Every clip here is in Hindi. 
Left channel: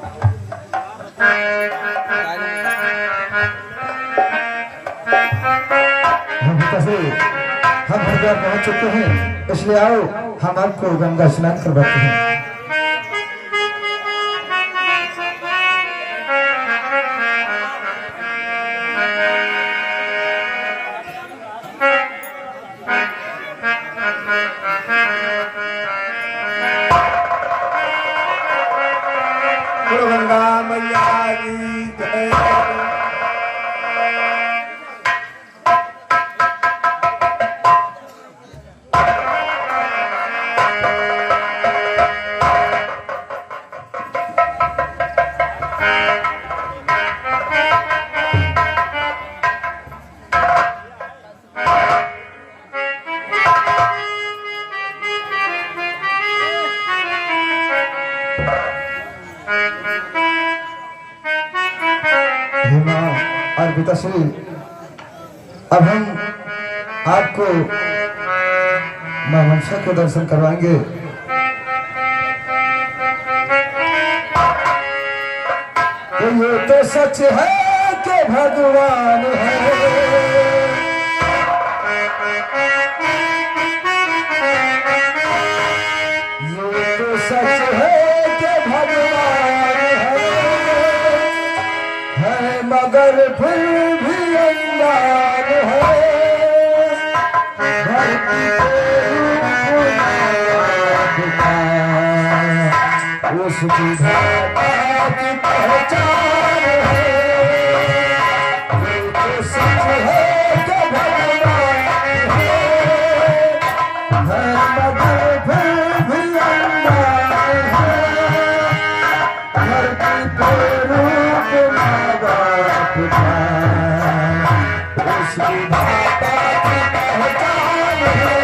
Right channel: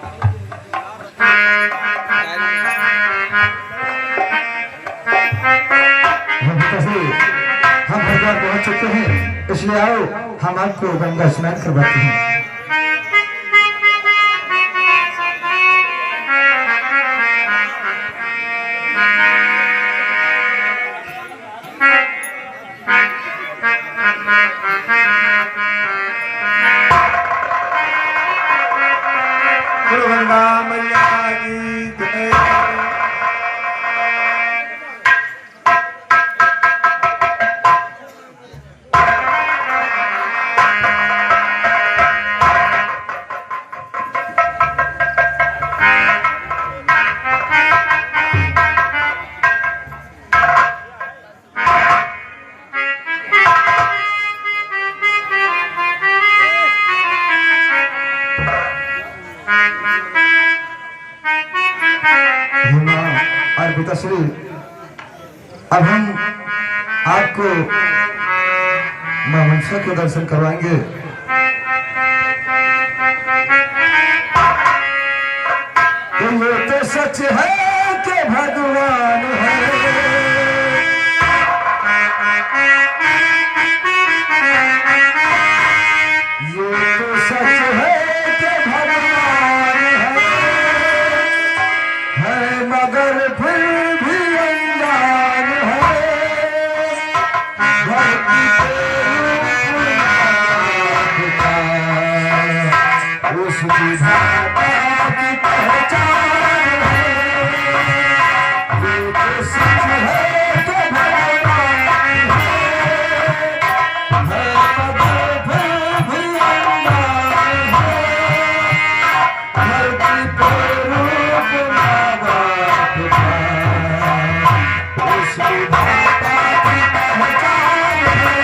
हम भगवान पहुंच चुके हैं, इसलिए आओ हम आपको गंगा स्नान करवाते हैं। गंगा मैया की जय। और पिताश्री, अब हम आपको मां मनसा के दर्शन करवाएंगे। ये तो सच है कि भगवान है, ये तो सच है कि भगवान है मगर फिर भी अंगार है। उस विधाता की पहचान है, ये तो सच है कि भगवान है मगर फिर भी अंगार है। धरती पर रूप मावा पिता, उस विधाता की पहचान है।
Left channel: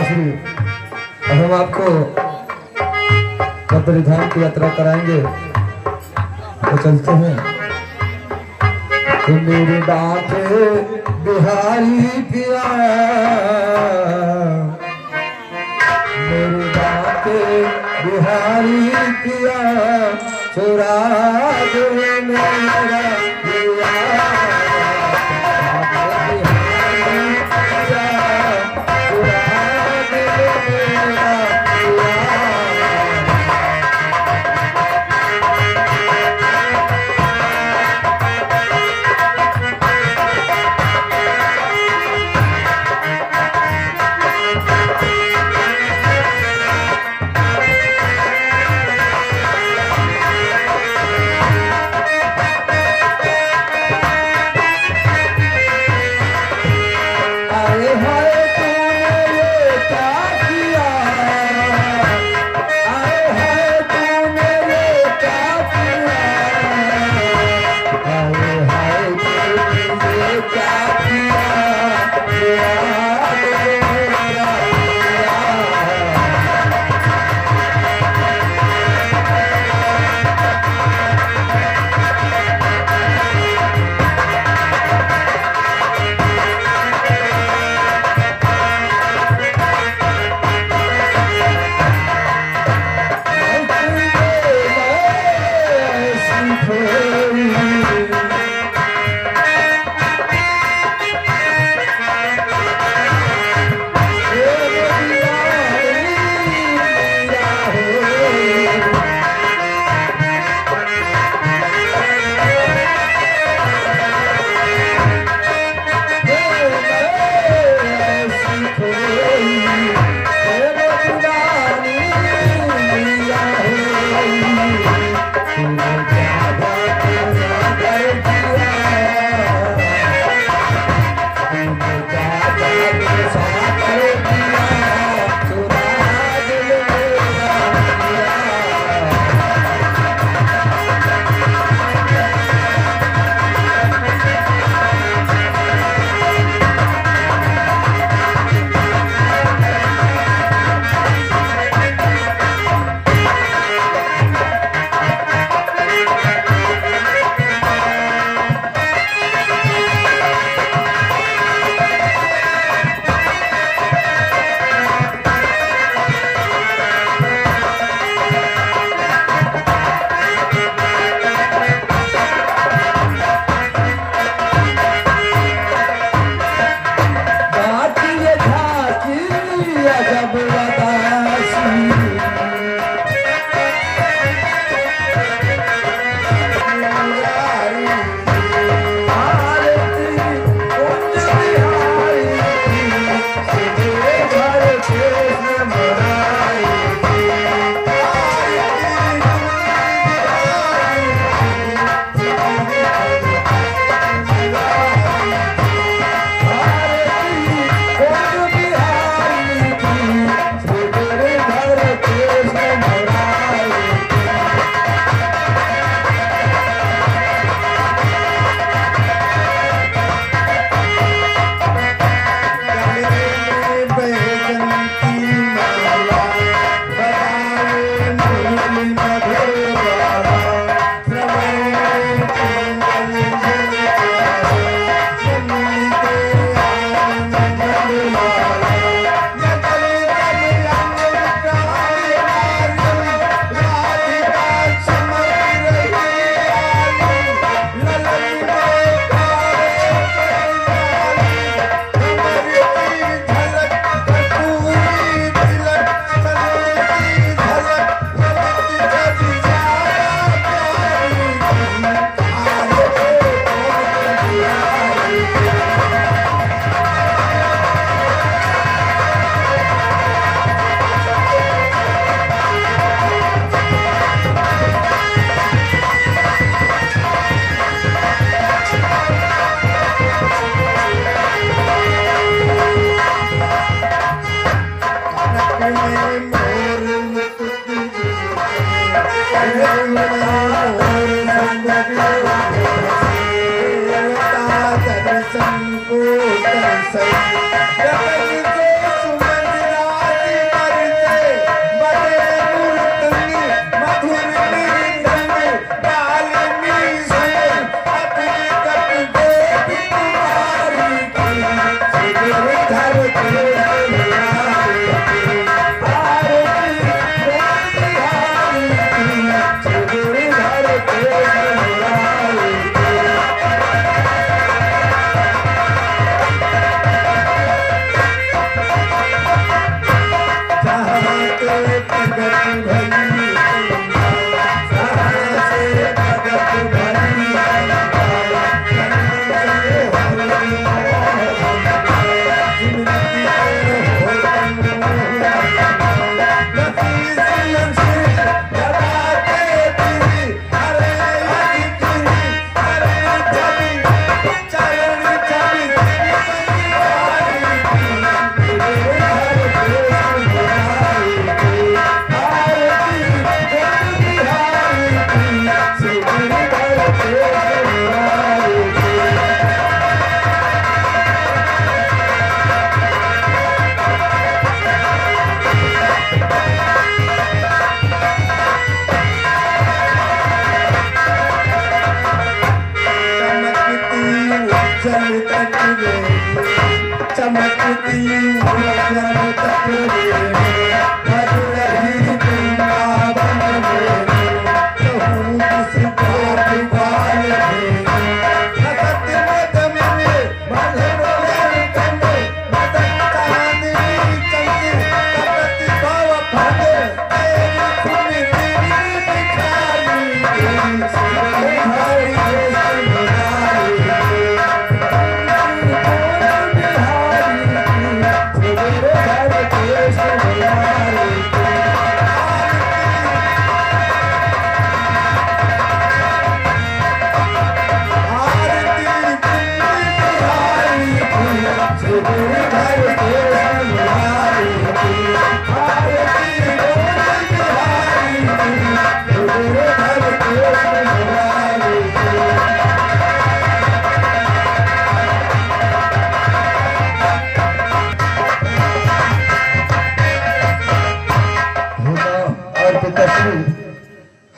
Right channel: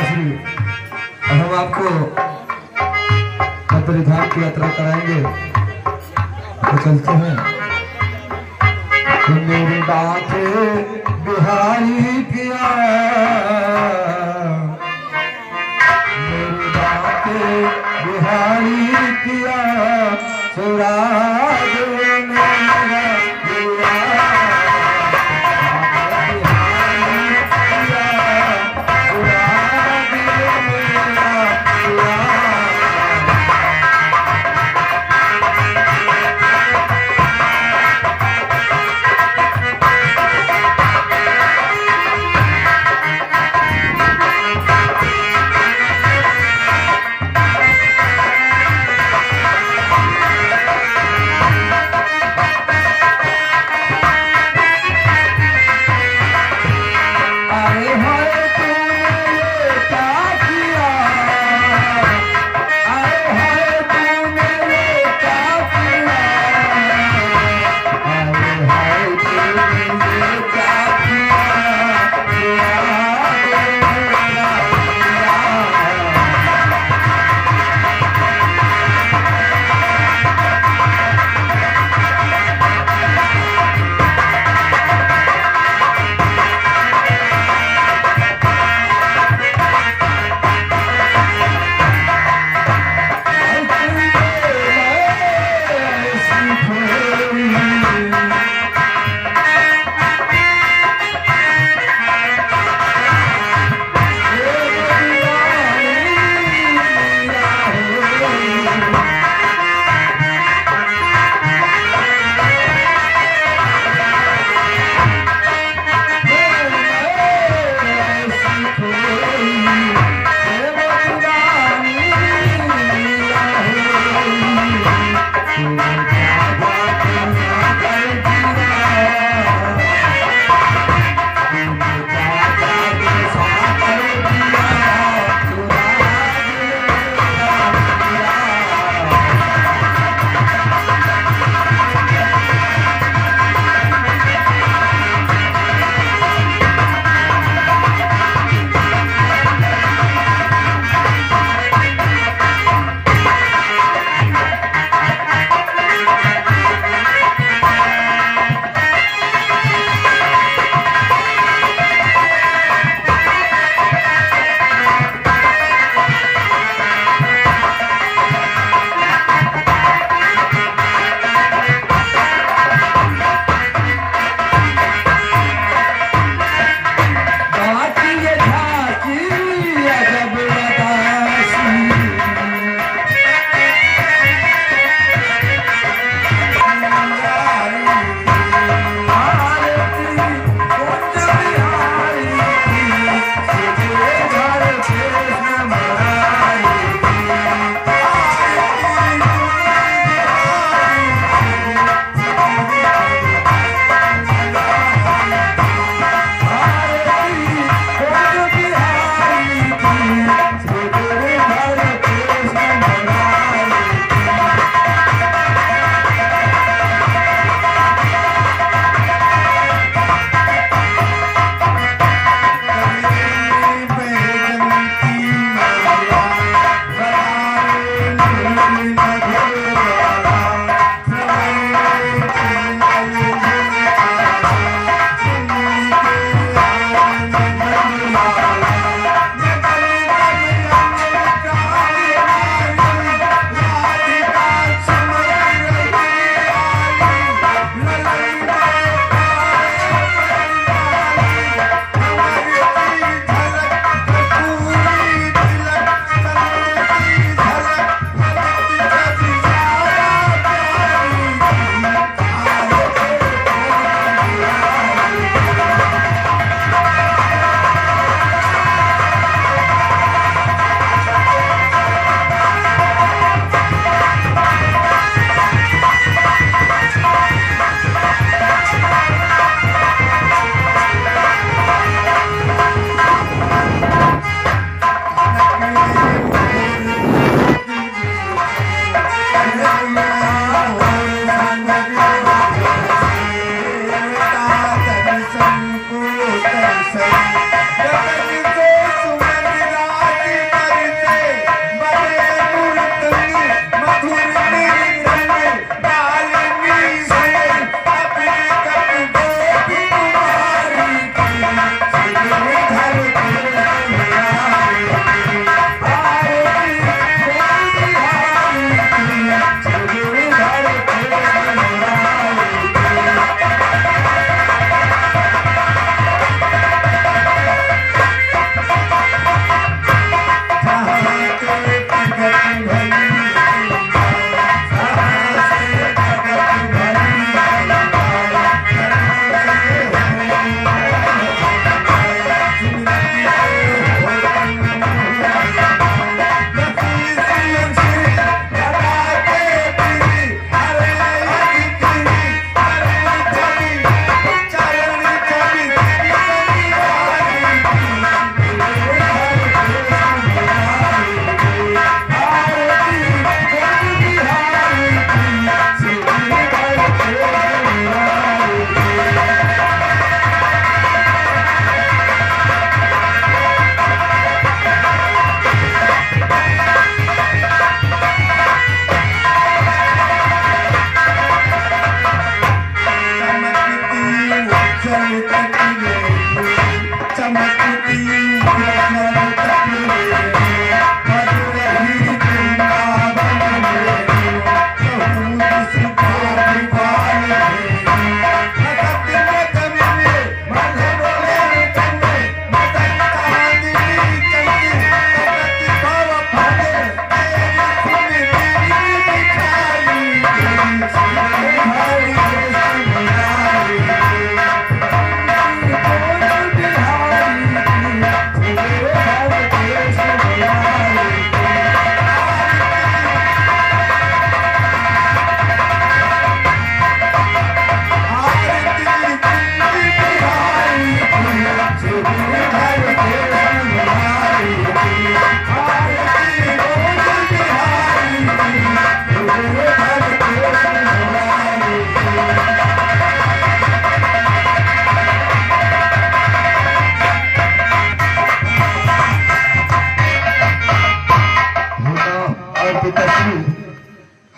इसलिए अब हम आपको बद्री धाम की यात्रा कराएंगे तो चलते हैं। तो मेरी बात बिहारी पिया, मेरी बात बिहारी पिया, चुरा दे मेरा पिया, बिहारी पिया, चुरा दे मेरा पिया। आए हाय तूने ये क्या किया, आए हाय तूने ये क्या किया, आए हाय तूने ये क्या किया, किया मेरा पिया।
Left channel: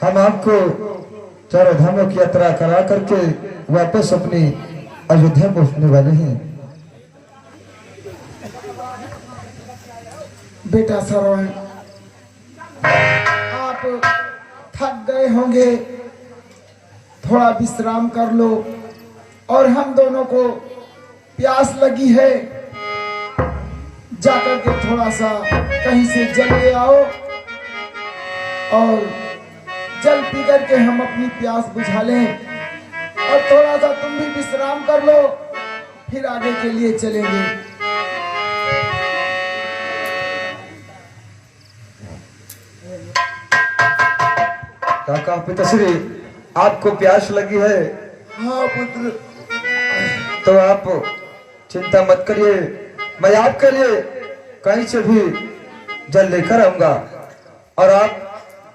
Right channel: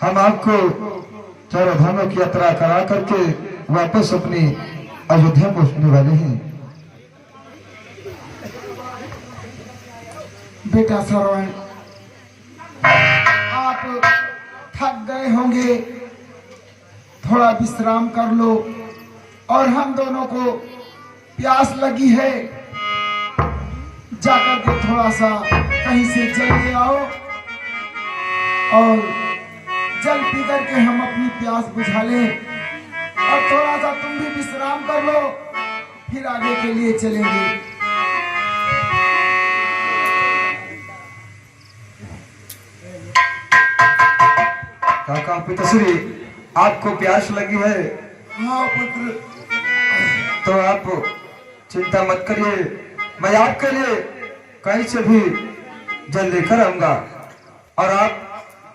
हम आपको चारों धामों की यात्रा करा करके वापस अपनी अयोध्या पहुंचने वाले हैं। बेटा श्रवण, आप थक गए होंगे, थोड़ा विश्राम कर लो। और हम दोनों को प्यास लगी है, जाकर के थोड़ा सा कहीं से जल ले आओ और जल पी करके हम अपनी प्यास बुझा लें। और थोड़ा सा तुम भी विश्राम कर लो, फिर आगे के लिए चलेंगे। काका पिताश्री, आपको प्यास लगी है? हाँ पुत्र, तो आप चिंता मत करिए, मैं आपके लिए कहीं से भी जल लेकर आऊंगा और आप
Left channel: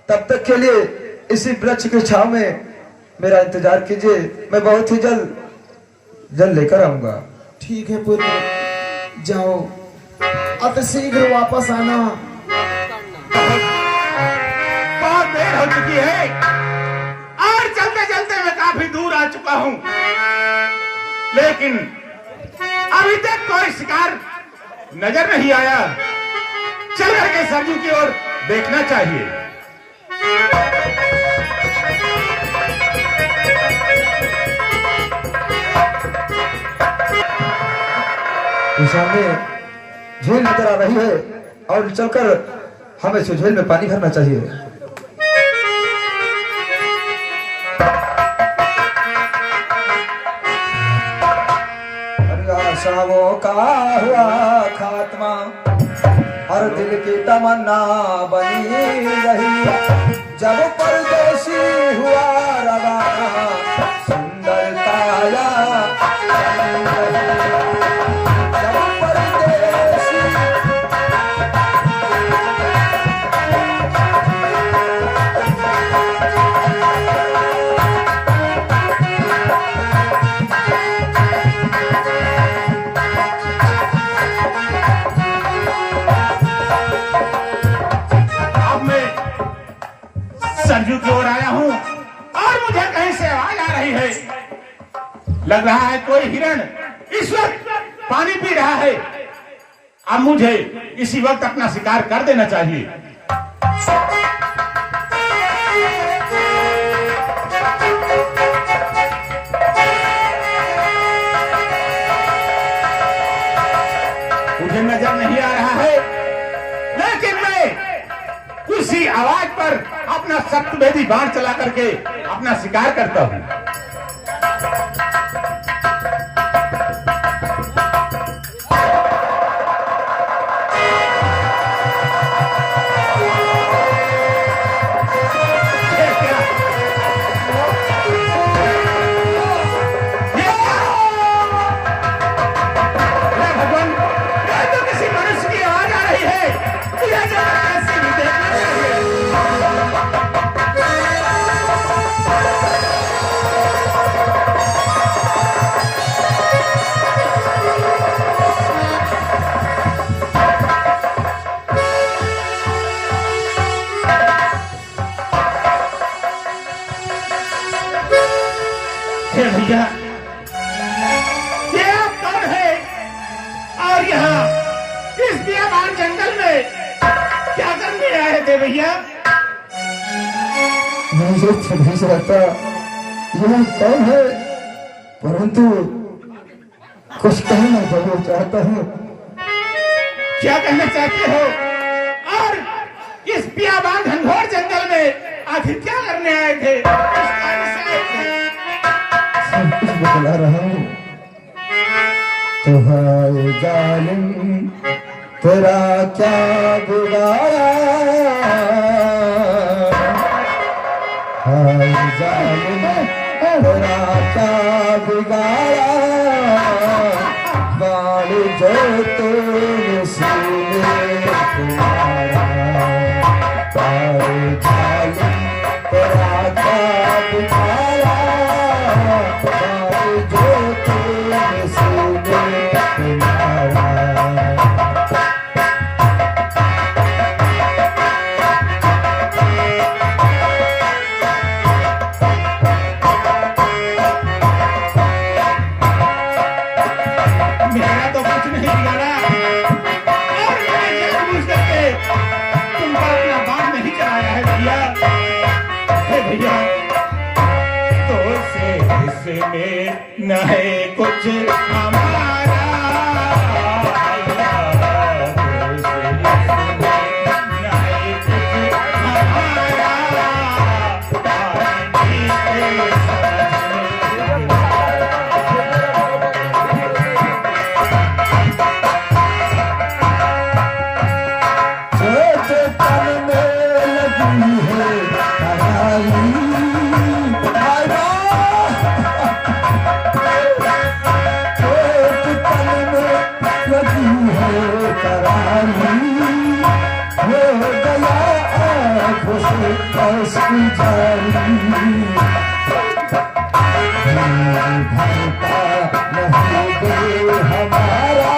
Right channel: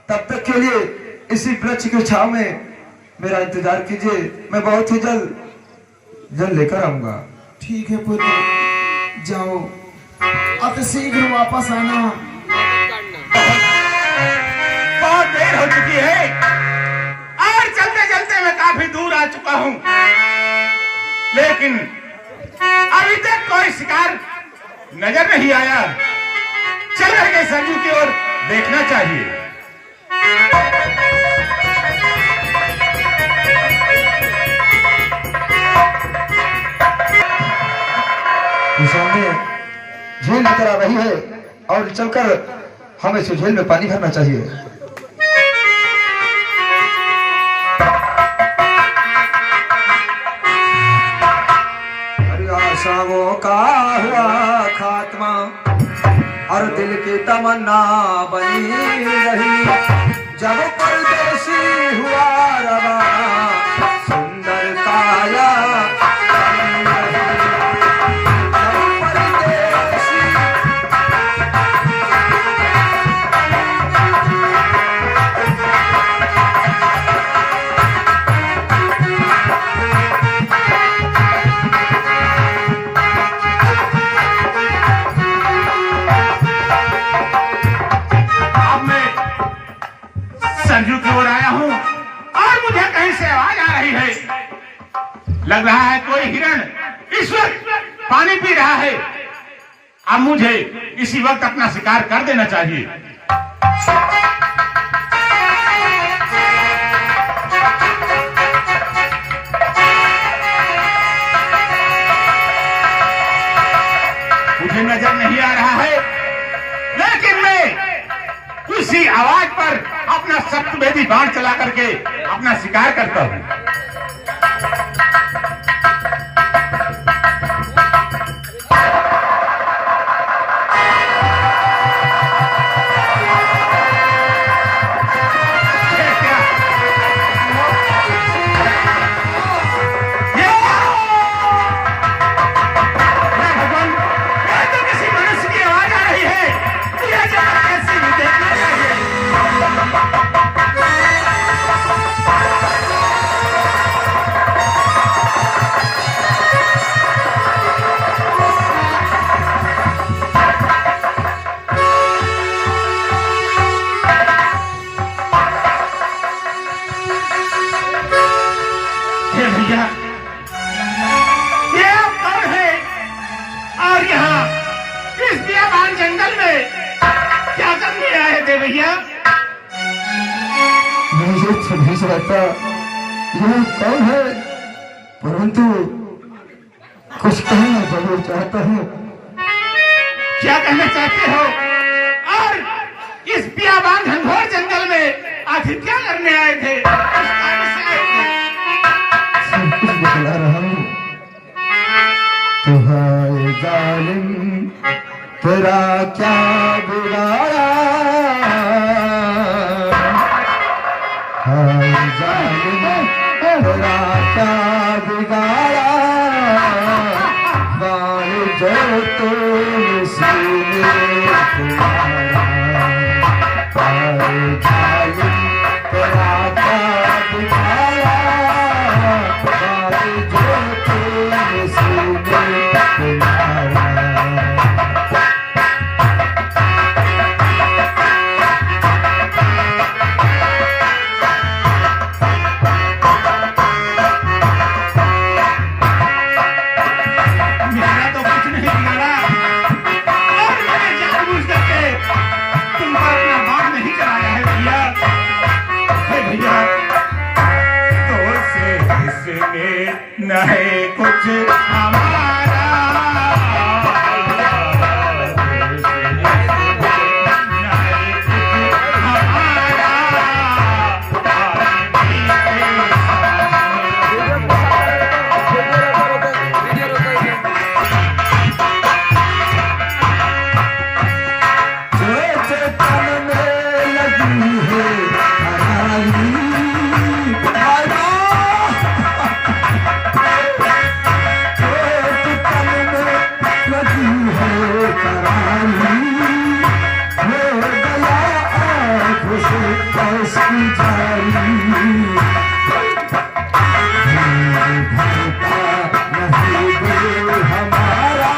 तब तक के लिए इसी वृक्ष की छांव में मेरा इंतजार कीजिए। मैं बहुत ही जल्द जल लेकर आऊंगा। ठीक है पुत्र, जाओ, अति शीघ्र वापस आना। बहुत देर हो चुकी है और चलते चलते मैं काफी दूर आ चुका हूँ, लेकिन अभी तक कोई शिकार नजर नहीं आया। चल करके सरजू की ओर देखना चाहिए। सामने झील नजर आ रही है और चलकर हमें इस झील में पानी भरना चाहिए। सबों का हुआ खात्मा और दिल की तमन्ना बनी रही, जब परदेसी हुआ रवाना सुंदर काया जब परदेसी। संजू की ओर आया हूँ और मुझे कहीं से आवाज आ रही है। लग रहा है कोई हिरण इस वक्त पानी पी रहा है। अब मुझे इसी वक्त अपना शिकार कर देना चाहिए। मुझे नजर नहीं आ रहा है, लेकिन मैं उसी आवाज पर अपना शक्तिभेदी बाण चला करके अपना शिकार करता हूं। भगवान, यह तो किसी मनुष्य की आवाज आ रही है। यह जगह कैसी भी देखना चाहिए। हे भैया, ये आप कौन है और यहाँ इस बियाबान जंगल में क्या करने आए थे भैया? मुझे सभी से रहता यह कौन है, परंतु कुछ कहना जरूर चाहता हूँ। क्या कहना चाहते हो? और इस बियाबान घनघोर जंगल में आखिर क्या करने आए थे? सब कुछ बतला रहा हूँ। तो हाय जालिम तेरा क्या बिगाड़ा, हाय जालिम तेरा क्या बिगाड़ा, बाल जो तुम सीने तुम्हारा, हाय जालिम तेरा क्या बिगाड़ा, बाल जो तुम सीने तुम्हारा। है भैया तो से इसमें न है कुछ हमारा तो से इसमें न है कुछ हमारा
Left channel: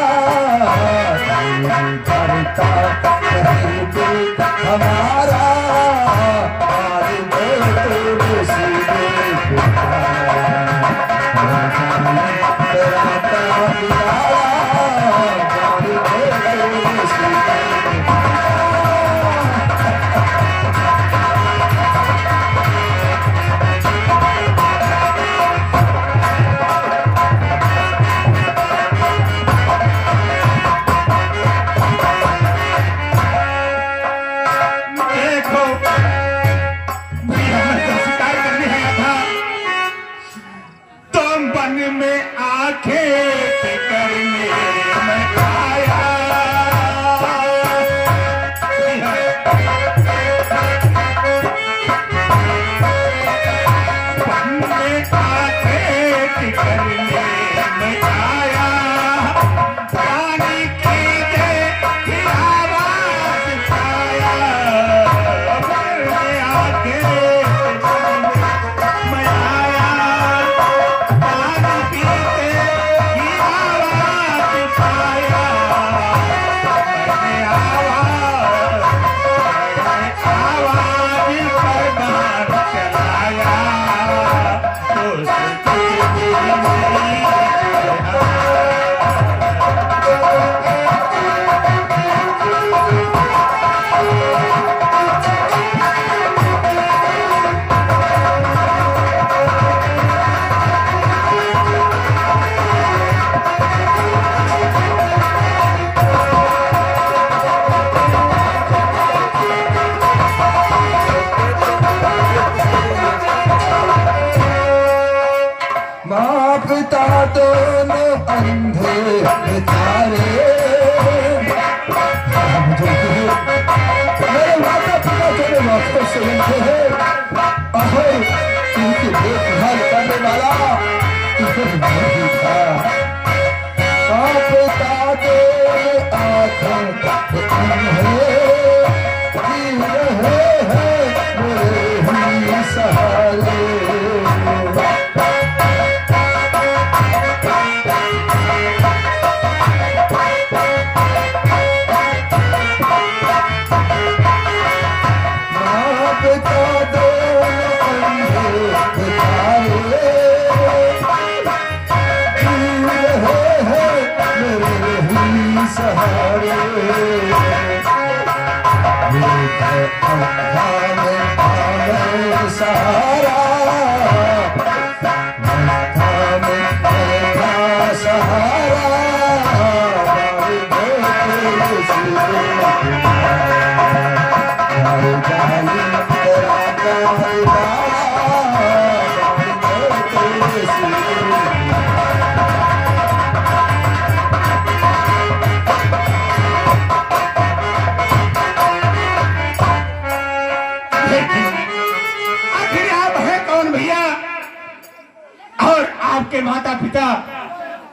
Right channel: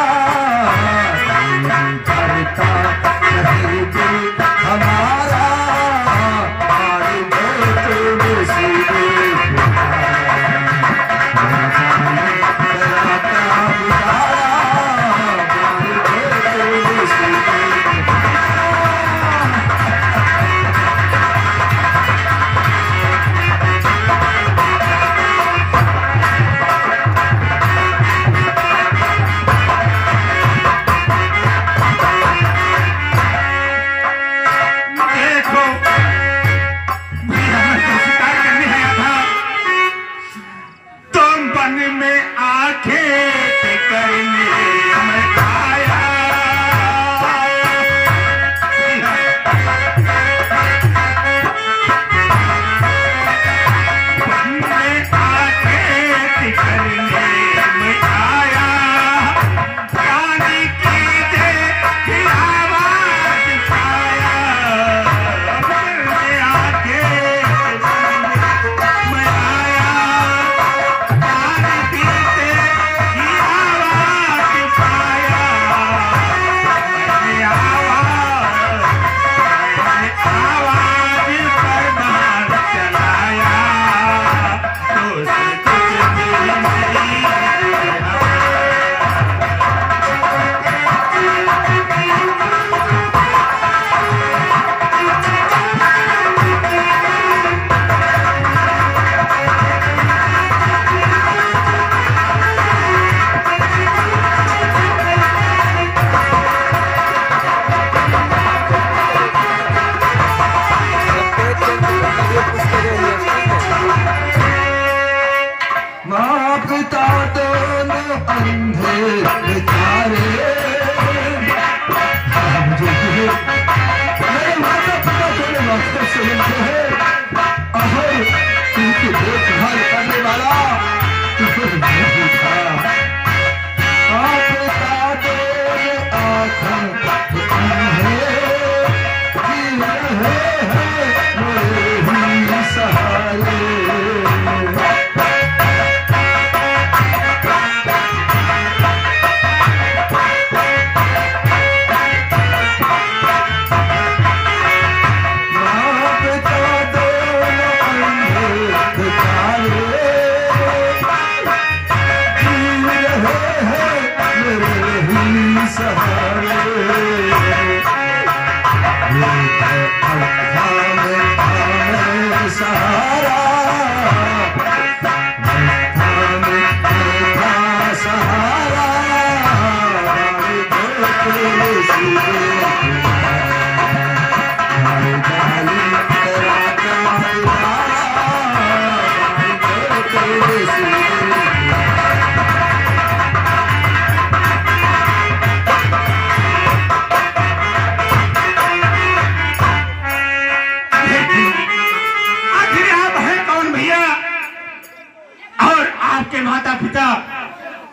आपके माता पिता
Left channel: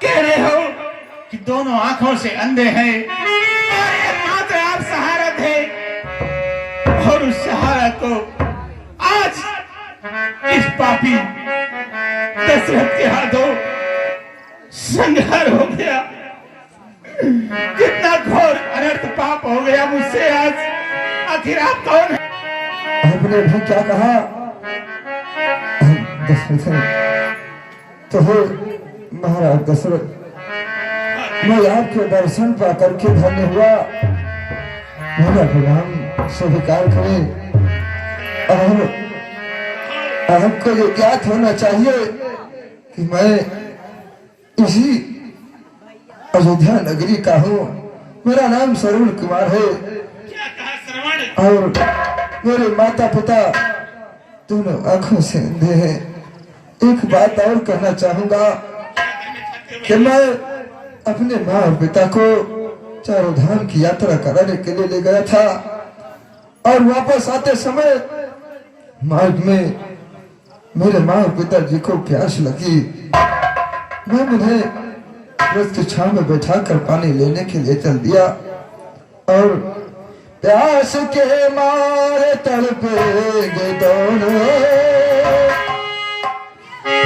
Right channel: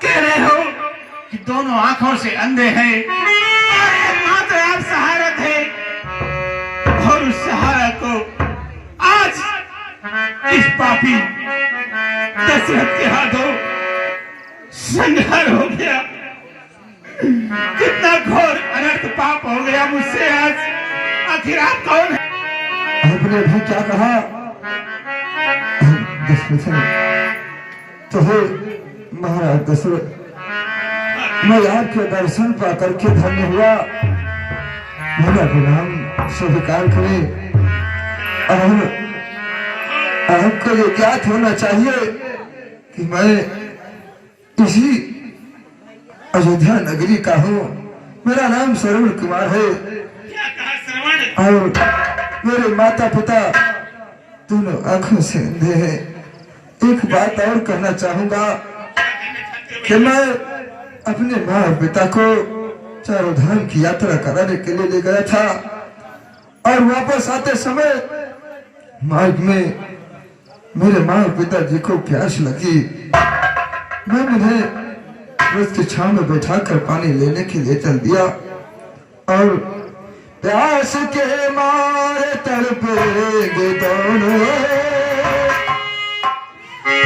कह रहे हो कि दोनों आंखों से अंधे हैं और एकमात्र आप सहारा थे और उस सहारा को आज इस पापी दशरथ के हाथों संहार हो गया। कितना घोर अनर्थ पाप हो गया मुझसे आज। आखिर आप कौन है? आपने भी क्या कहा? दशरथ तो है महाराज दशरथ, मैं आपके दर्शन पा करके धन्य हुआ। मेरा गुलाम स्वीकार करे और आपको ये ज्ञात होना चाहिए कि मैं इसी अयोध्या नगरी का हूँ। मेरा नाम सरवण कुमार है और मेरे माता पिता दोनों आंखों से अंधे हैं। एक बात और कहना चाहूंगा कि मैं अपने माँ और पिता को चारों धाम की यात्रा कराने के लिए ले गया था और वापस आते समय मार्ग में मेरे माँ और पिताजी को प्यास लगी। मैं उन्हें वृक्ष की छांव में बैठाकर पानी लेने के लिए चल दिया और प्यास के मारे तड़पेंगे दोनों,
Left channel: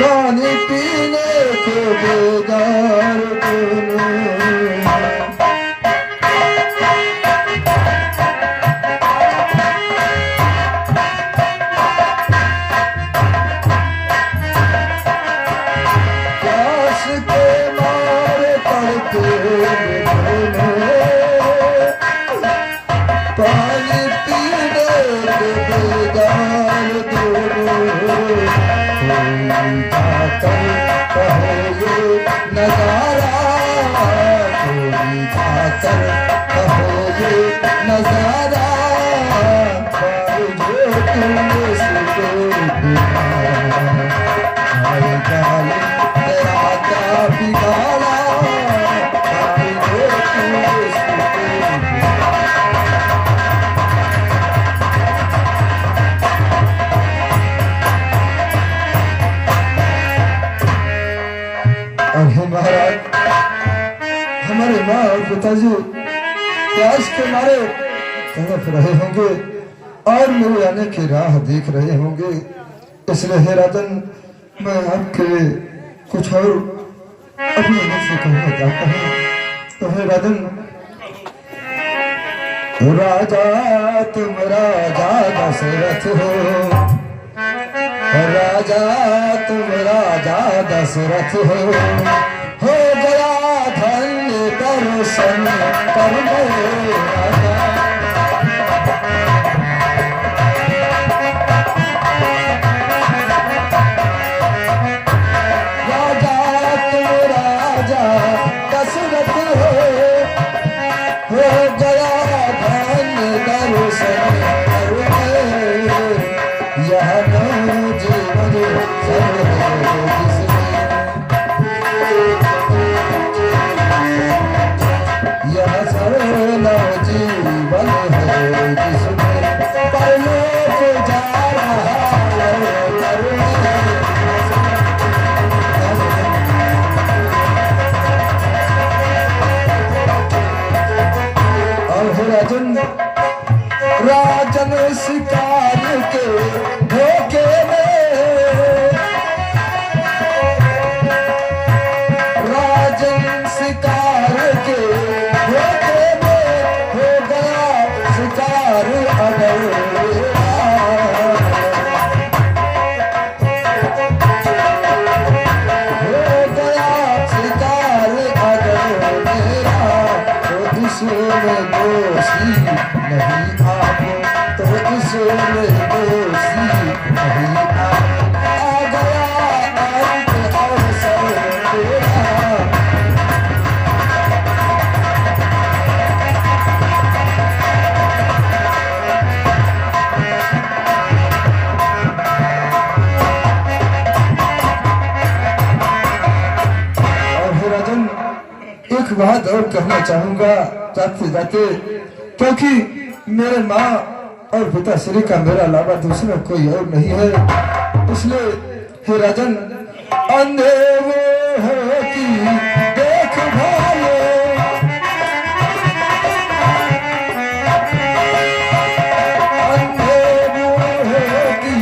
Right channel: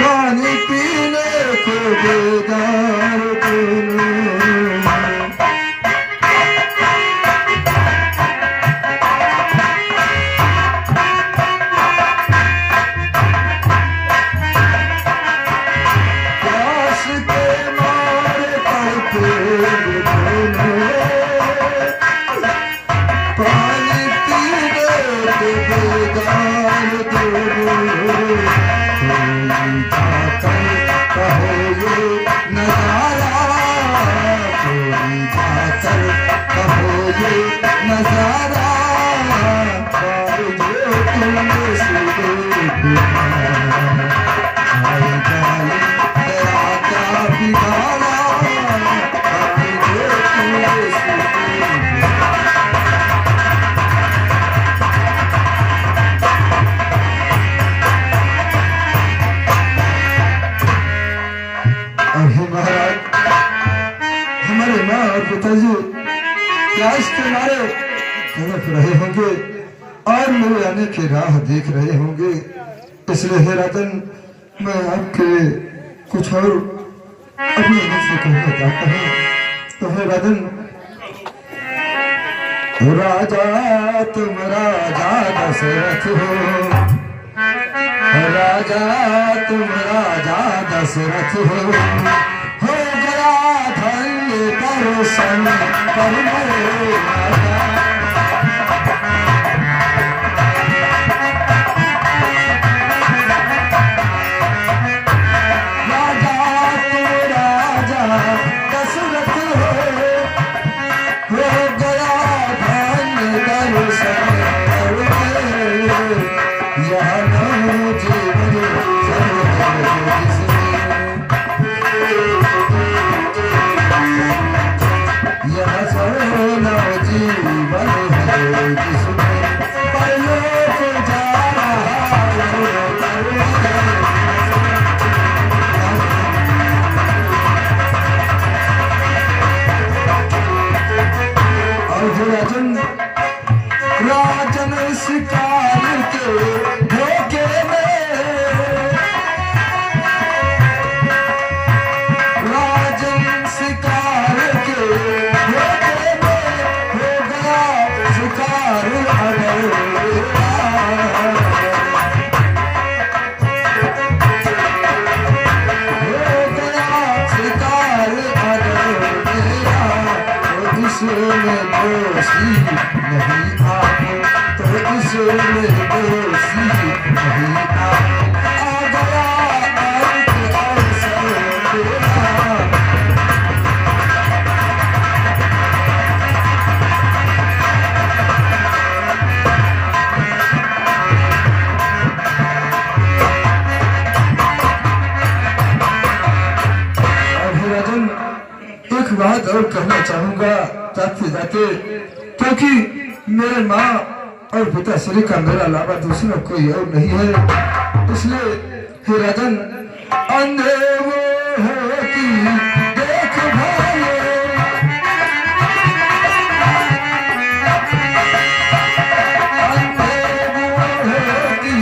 पानी पीने को बेगार दोनों। महाराज, हमारे माँ और पिताजी प्यास के मारे तड़प रहे होंगे और मेरे आने की राह देख रहे होंगे। इसलिए हे राजन, मैं आपके कुछ और अपने मुख से कहना चाहता हूँ। तो हे राजन, राजा तुम राजा दशरथ हो, राजा तुम राजा दशरथ हो गया धन्य दर्शन कर मेरे राजा। राजा तुम राजा दशरथ हो गया धन्य दर्शन कर मेरे। यह जीवन है जिसमें परलोक जा रहा और राजन राजन शिकार के धोखे में, राजन शिकार के धोखे में हो गया शिकार अगर हो गया शिकार अगर मेरा, तो इसमें दोषी नहीं आप, तो इसमें दोषी नहीं आप। आ गया अंत अवसर तेरा, एक बात और कहना चाहूंगा जाते जाते, क्योंकि मेरे माँ और पिताश्री का मेरा अलावा दूसरा कोई और नहीं है। इसलिए हे राजन, अंधे वो है कि देख भाले, अंधे वो है कि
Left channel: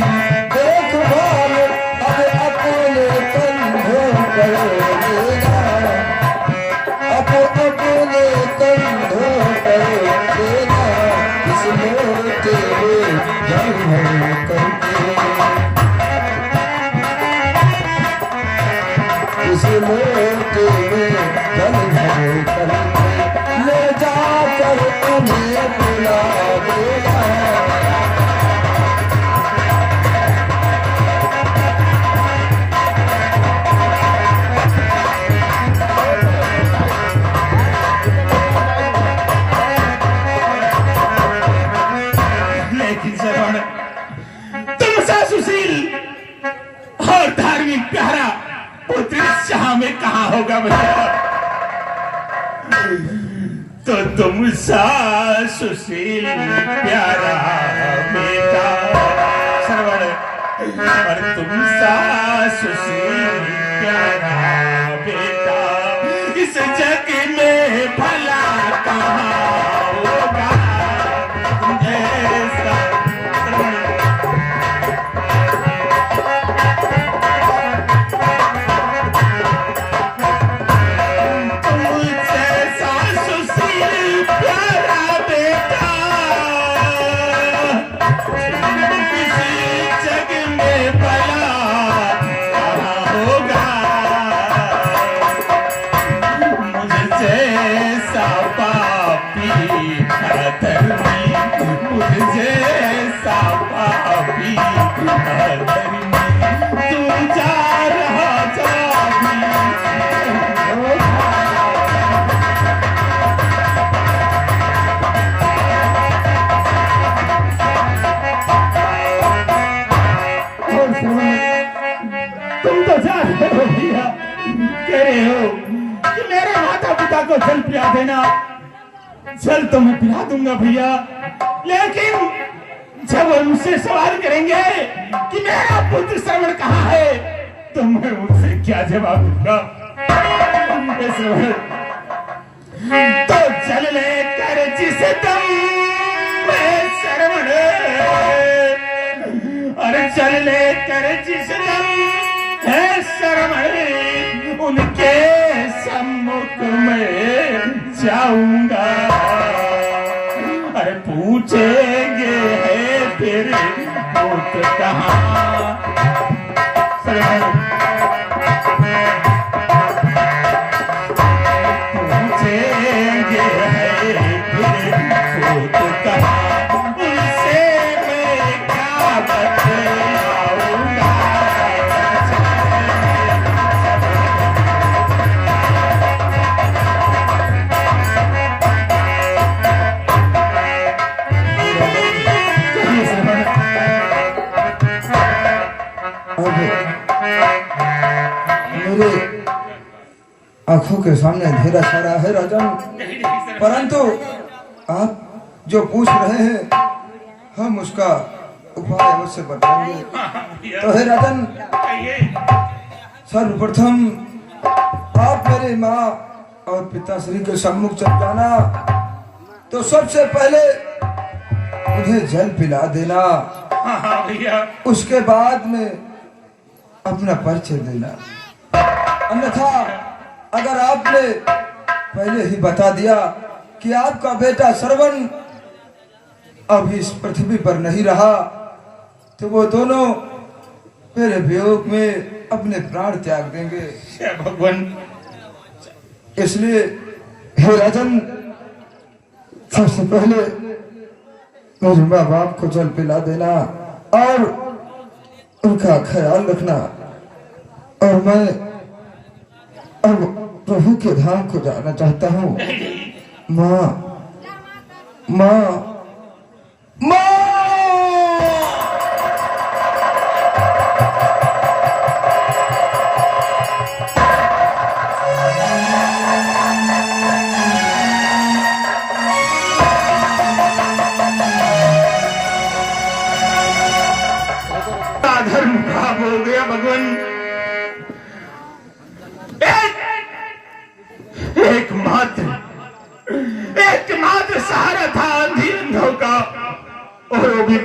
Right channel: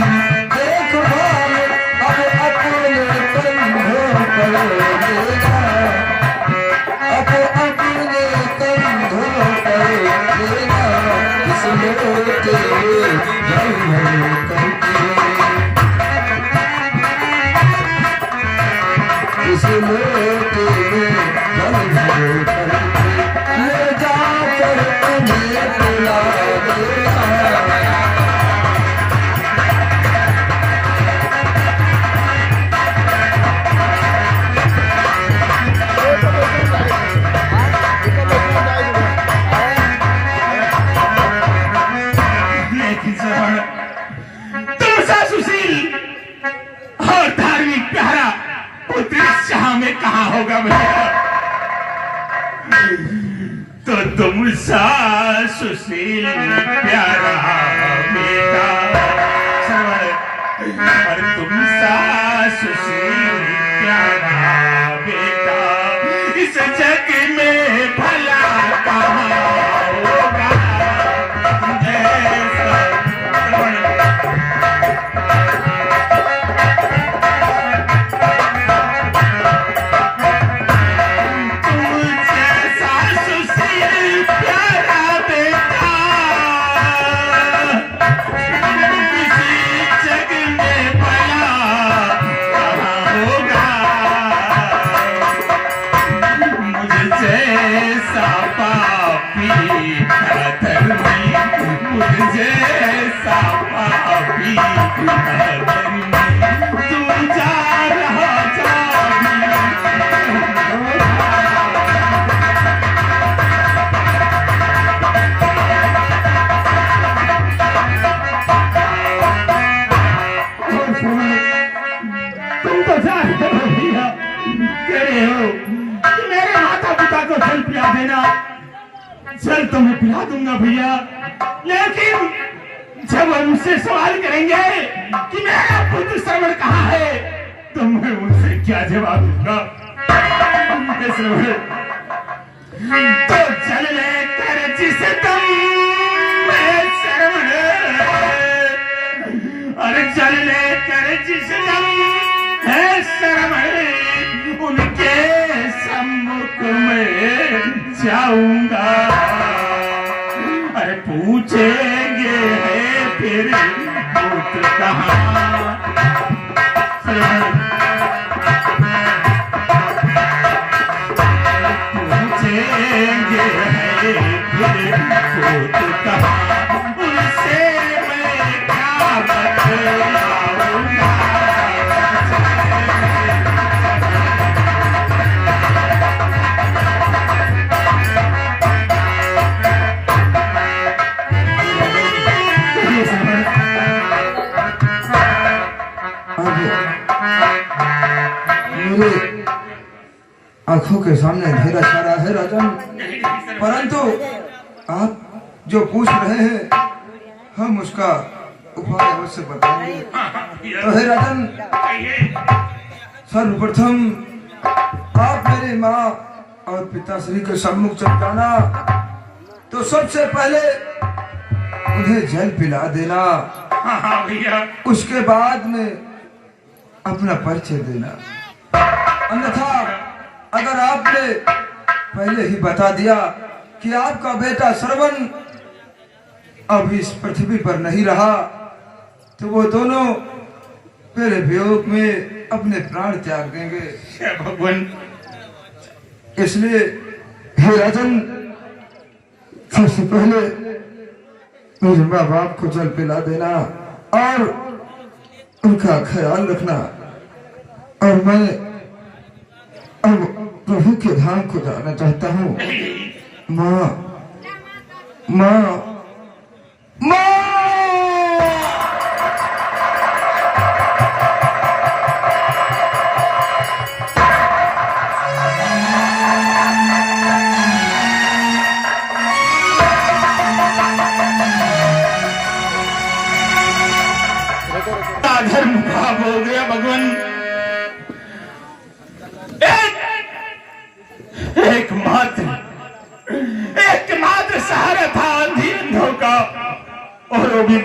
देख भाले, अब अपने कंधों पर लेना, अपने कंधों पर लेना, इस लोटे जन्म करके, इस लोटे जन्म करके ले जाकर उन्हें पिला देना। सुशील और धार्मिक प्यारा पुत्र शाह में कहा होगा भैया? तो तुम सा सुशील प्यारा बेटा सरवर, और तुम सा सुशील प्यारा बेटा इस जग में भला कहाँ होगा ऐसा सरवर। तुम तो जा रहे हो भैया, कह रहे हो कि मेरे माता पिता को जल पिला देना। जल तो मैं पिला दूंगा भैया, लेकिन जब वो मुझसे सवाल करेंगे कि मेरा पुत्र श्रवण कहाँ है, तो मैं उनसे क्या जवाब दूंगा? तो जल लेकर जिस दम मैं श्रवण, अरे जल लेकर जिस दम है श्रवण, उनके सम्मुख में जाऊंगा। अरे पूछेंगे है फिर पुत्र कहाँ? पूछेंगे है फिर पुत्र कहाँ? उनसे मैं क्या बतलाऊंगा? मेरे आंखों के सामने अंधेरा छा रहा है राजन, परंतु आप जो पूछ रहे हैं हम उसका उपाय अवश्य बताएंगे। तो हे राजन, सर्वप्रथम आप मेरे माँ और पिताश्री के सम्मुख जब जाना तो सबसे पहले उन्हें जल पिला देना। उसके बाद में अपना परिचय देना। अन्यथा अगर आपने पहले ही बता दिया कि आपका बेटा श्रवण अब इस पृथ्वी पर नहीं रहा, तो वो दोनों मेरे वियोग में अपने प्राण त्याग देंगे। भगवान, इसलिए हे राजन, सबसे पहले मेरे माँ बाप को जल पिला देना और उनका ख्याल रखना। और मैं अब प्रभु के धाम को जाना चाहता हूँ। माँ, माँ, माँ। धर्म खराब हो गया भगवान। एकमात्र सहारा था अंधी अंधों का, और वो भी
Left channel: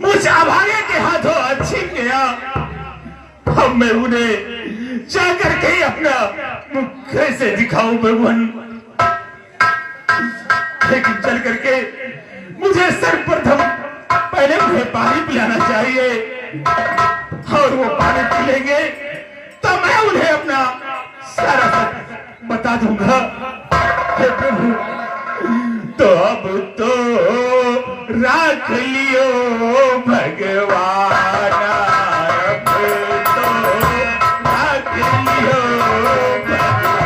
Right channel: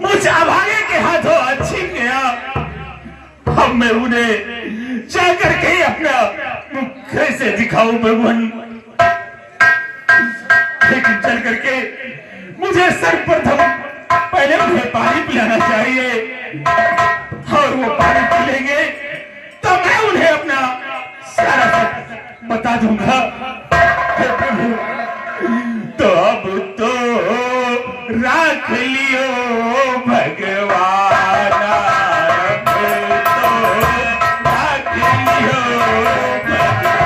मुझ अभागे के हाथों अच्छी गया। अब मैं उन्हें जाकर के अपना मुख कैसे दिखाऊं भगवान? लेकिन चल करके मुझे सर्वप्रथम पहले उन्हें पानी पिलाना चाहिए, और वो पानी पी लेंगे तो मैं उन्हें अपना सारा सच बता दूंगा। हे प्रभु, तो अब तो राख लियो भगवान, अब तो राख लियो भगवान।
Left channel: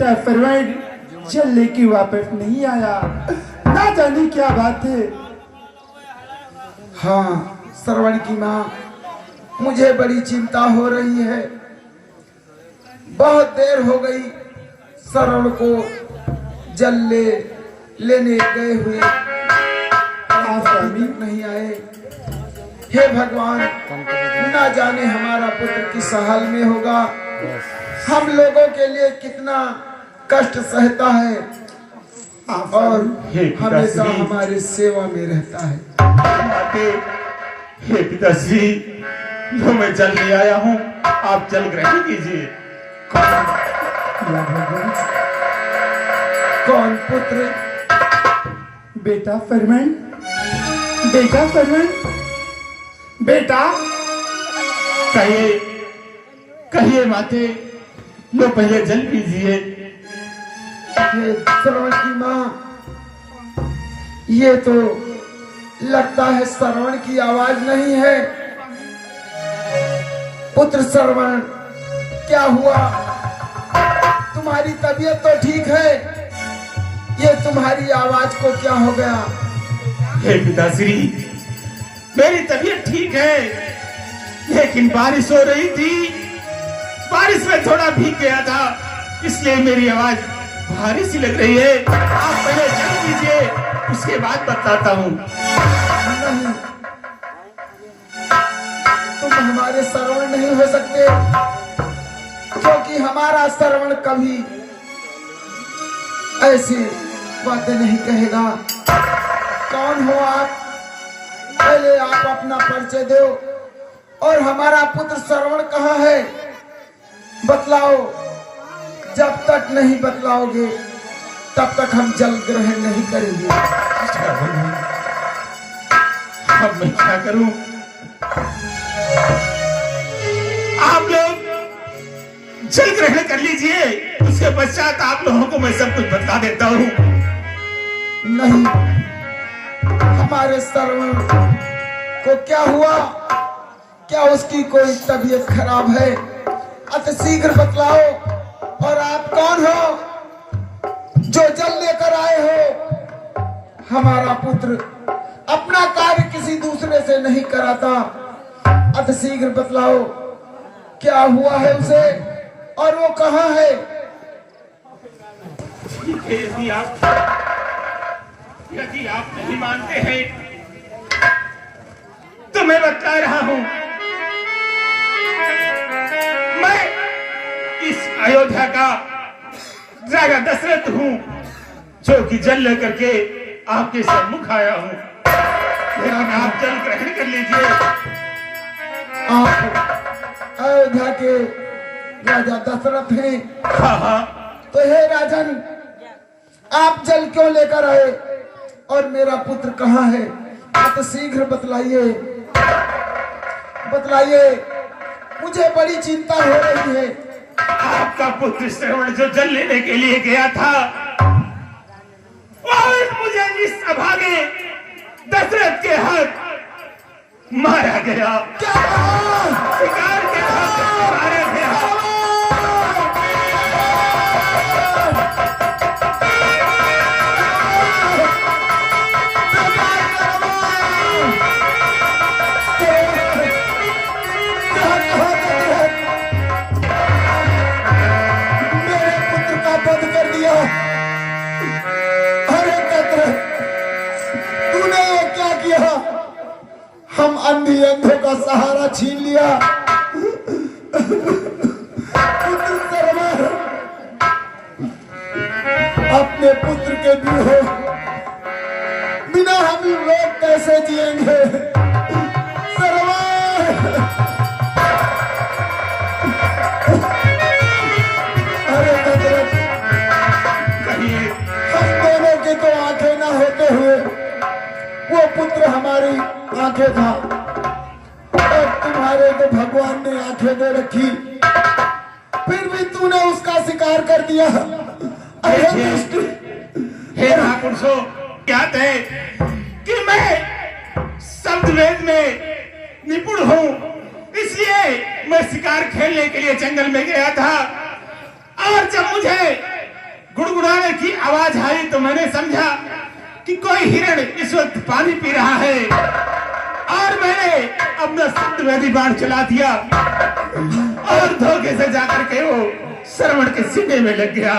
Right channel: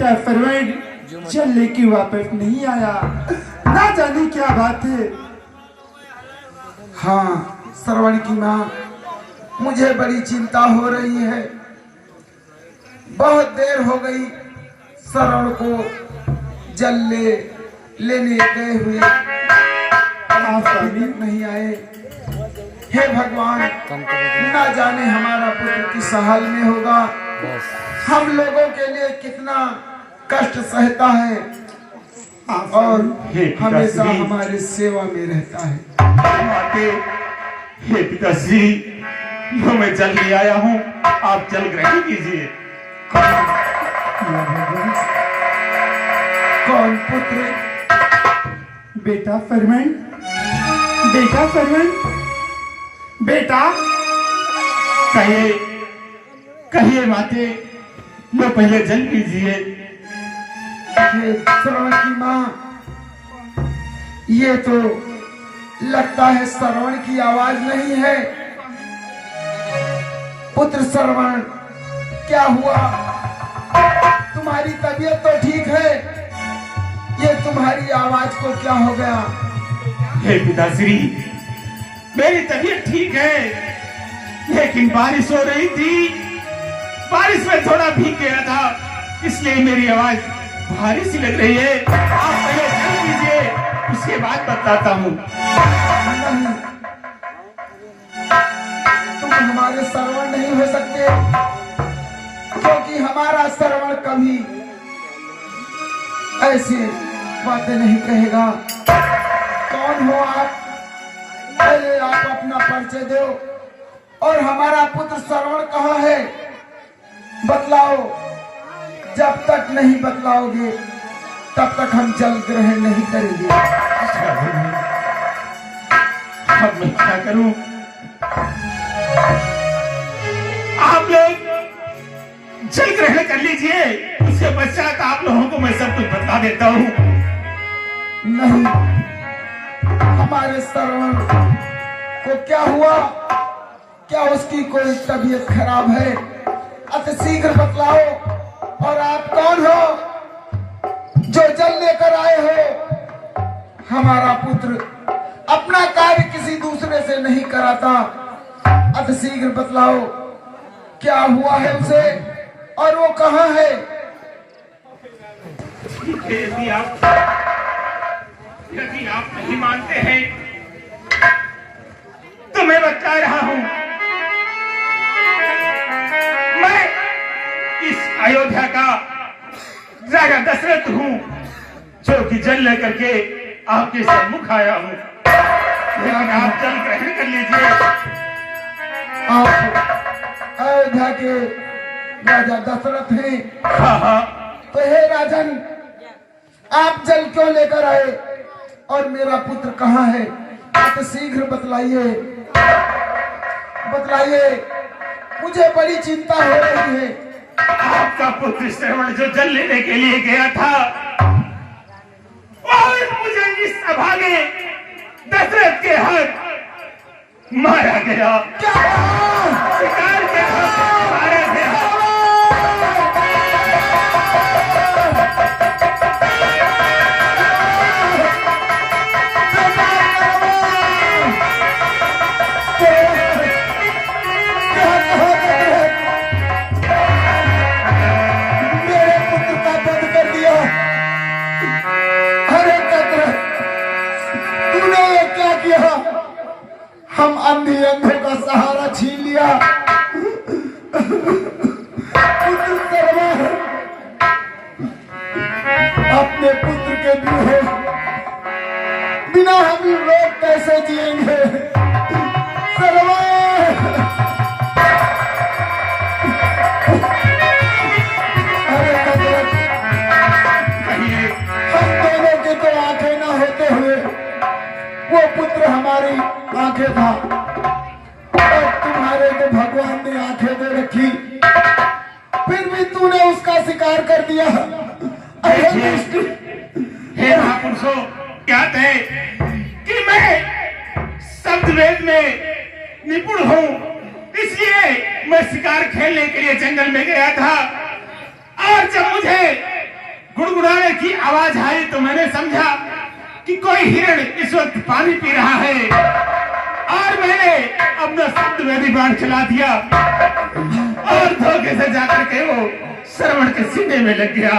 बेटा फरवैन जल लेके वापस नहीं आया, ना जाने क्या बात है। हाँ श्रवण की माँ, मुझे बड़ी चिंता हो रही है। बहुत देर हो गई श्रवण को जल लेने गए हुए, आप अभी नहीं आए। हे भगवान, ना जाने हमारा पुत्र किस हाल में होगा, हम लोगों के लिए कितना कष्ट सहता है और हमेशा हमारे सेवा में रहता है। हे पिताश्री, जो मैं जल ले आया हूँ, आप जल ग्रहण कीजिए। कौन पुत्र? बेटा फरमान, बेटा फरमान, बेटा कहिए कहिए माते, लो पहले जल पीजिए। श्रवण की माँ, ये तो लगता है श्रवण की आवाज नहीं है। पुत्र श्रवण, क्या हुआ? तुम्हारी तबीयत तो ठीक है, ये तुम्हारी आवाज को क्या हो गया? हे पिताश्री, मेरी तबीयत ठीक है, लेकिन बारिश हो रही थी, बारिश में थोड़ा भीग गया था, इसलिए मेरी आवाज भारी सी लग रही है। आप पहले जल लीजिए, उसके बाद बताता हूँ। नहीं, तुम हमारे श्रवण नहीं हो सकते, क्योंकि हमारा श्रवण कभी ऐसी बातें नहीं कहेगा। कौन हो आप? पहले आप अपना परिचय दो, और हमारा पुत्र श्रवण कहाँ है, बतलाओ। जब तक नहीं बतलाओगे तब तक हम जल ग्रहण नहीं करेंगे। अब मैं क्या करूं? आप लोग जल ग्रहण कर लीजिए, उसके पश्चात आप लोगों को मैं सब कुछ बता देता हूँ। नहीं, हमारे श्रवण को क्या हुआ? क्या उसकी कोई तबीयत खराब है? अति शीघ्र बतलाओ। और आप कौन हो जो जल लेकर आए हो? हमारा पुत्र अपना कार्य किसी दूसरे से नहीं कराता। अति शीघ्र बतलाओ, क्या हुआ है उसे और वो कहाँ है? ठीक है, यदि आप नहीं मानते हैं तो मैं बता रहा हूं। मैं इस अयोध्या का राजा दशरथ हूं, जो कि जल लेकर के आपके सम्मुख आया हूं। लेकिन आप जल ग्रहण कर लीजिए। आप अयोध्या के राजा दशरथ हैं? हाँ हाँ, तो हे राजन, आप जल क्यों लेकर आए और मेरा पुत्र कहाँ है? आप शीघ्र बतलाइए, बतलाइए, मुझे बड़ी चिंता हो रही है। आपका पुत्र श्रवण जो जल लेने के लिए गया था, और मुझे इस अभागे दशरथ के हाथ मारा गया। क्या कहा? शिकार के हाथ मारा गया। मेरे पुत्र का वध कर दिया। अरे दशरथ, तूने ये क्या किया? हम अंधों का सहारा छीन लिया। पुत्र श्रवण, अपने पुत्र के भी बिना हम लोग कैसे जिएंगे? श्रवण, अरे दशरथ, कहिए, हम दोनों की तो आंखें ना होते हुए वो पुत्र हमारी आंखें था, और तुम्हारे तो भगवान ने आंखें दे रखी, फिर भी तूने उसका शिकार कर दिया। अरे दुष्ट! हे महापुरुषों, क्या थे कि मैं शब्द वेद में निपुण हूँ, इसलिए मैं शिकार खेलने के लिए जंगल में गया था। और जब मुझे गुड़गुड़ाने की आवाज आई तो मैंने समझा कि कोई हिरण इस वक्त पानी पी रहा है और मैंने अपना शब्द नदी बाढ़ चला दिया और धोखे से जाकर के वो श्रवण के सीने में लग गया।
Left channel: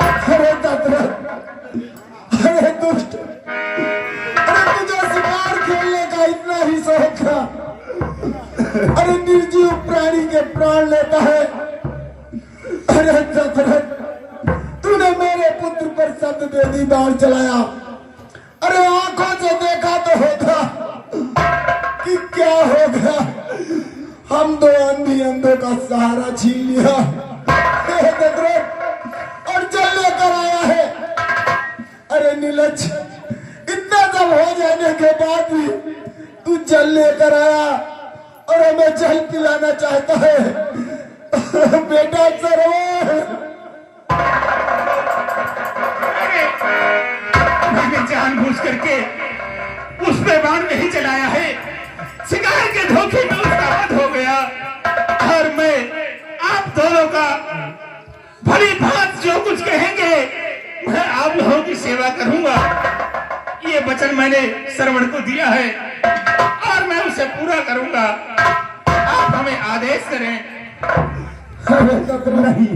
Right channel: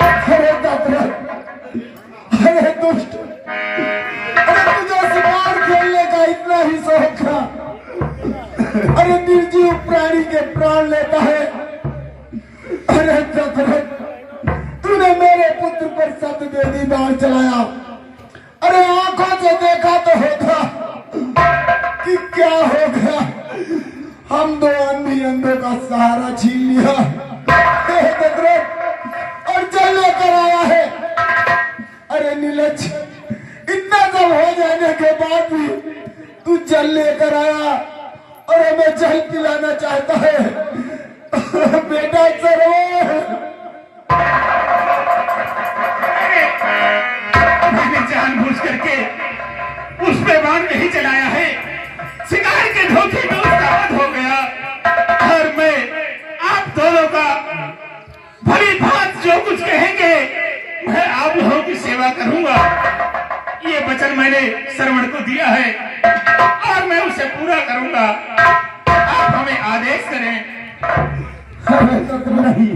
अरे दशरथ, अरे दुष्ट, अरे मुझे शिकार खेलने का इतना ही शौक था, अरे निर्जीव प्राणी के प्राण लेता है। अरे दशरथ, तूने मेरे पुत्र पर शब्द बेदी बाण चलाया। अरे आंखों से देखा तो होता कि क्या हो गया, हम दो अंधी अंधों का सहारा छीन लिया हे दशरथ, और जल लेकर आया है। अरे नीलज, इतना सब हो जाने के बाद भी तू जल लेकर आया और हमें जल पिलाना चाहता है। बेटा सरवर, मैंने जानबूझ करके उस पे बाण नहीं चलाया है, शिकार के धोखे में उसका वध हो गया और मैं आप दोनों का भली भांति जो कुछ कहेंगे मैं आप लोगों की सेवा करूंगा। ये वचन मैंने श्रवण को दिया है और मैं उसे पूरा करूंगा। आप हमें आदेश करें। नहीं,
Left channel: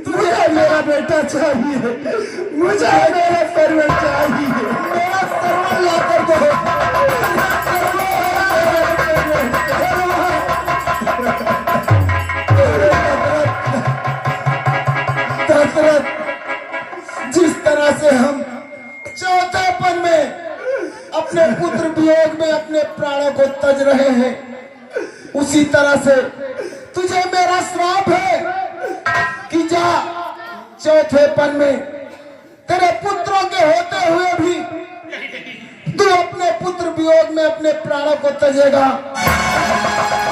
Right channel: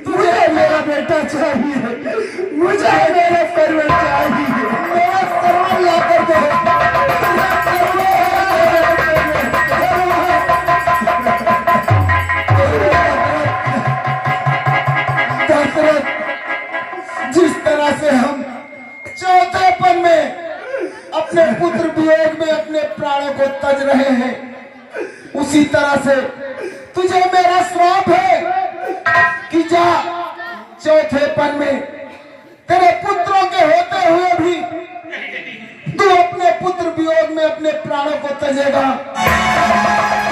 तुझे मेरा बेटा चाहिए, मुझे मेरा सर्वर चाहिए, मेरा सर्वर लाकर दो। दशरथ, जिस तरह से हम चौथेपन में अपने पुत्र वियोग में अपने प्राणों को तज रहे हैं, उसी तरह से तुझे मेरा श्राप है कि जा चौथेपन में तेरे पुत्रों के होते हुए भी तू अपने पुत्र वियोग में अपने प्राणों को तजेगा।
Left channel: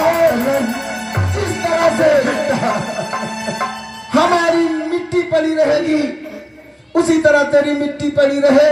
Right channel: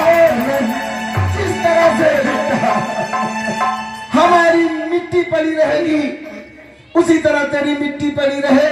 और जिस तरह से हमारी मिट्टी पड़ी रहेगी उसी तरह तेरी मिट्टी पड़ी रहे।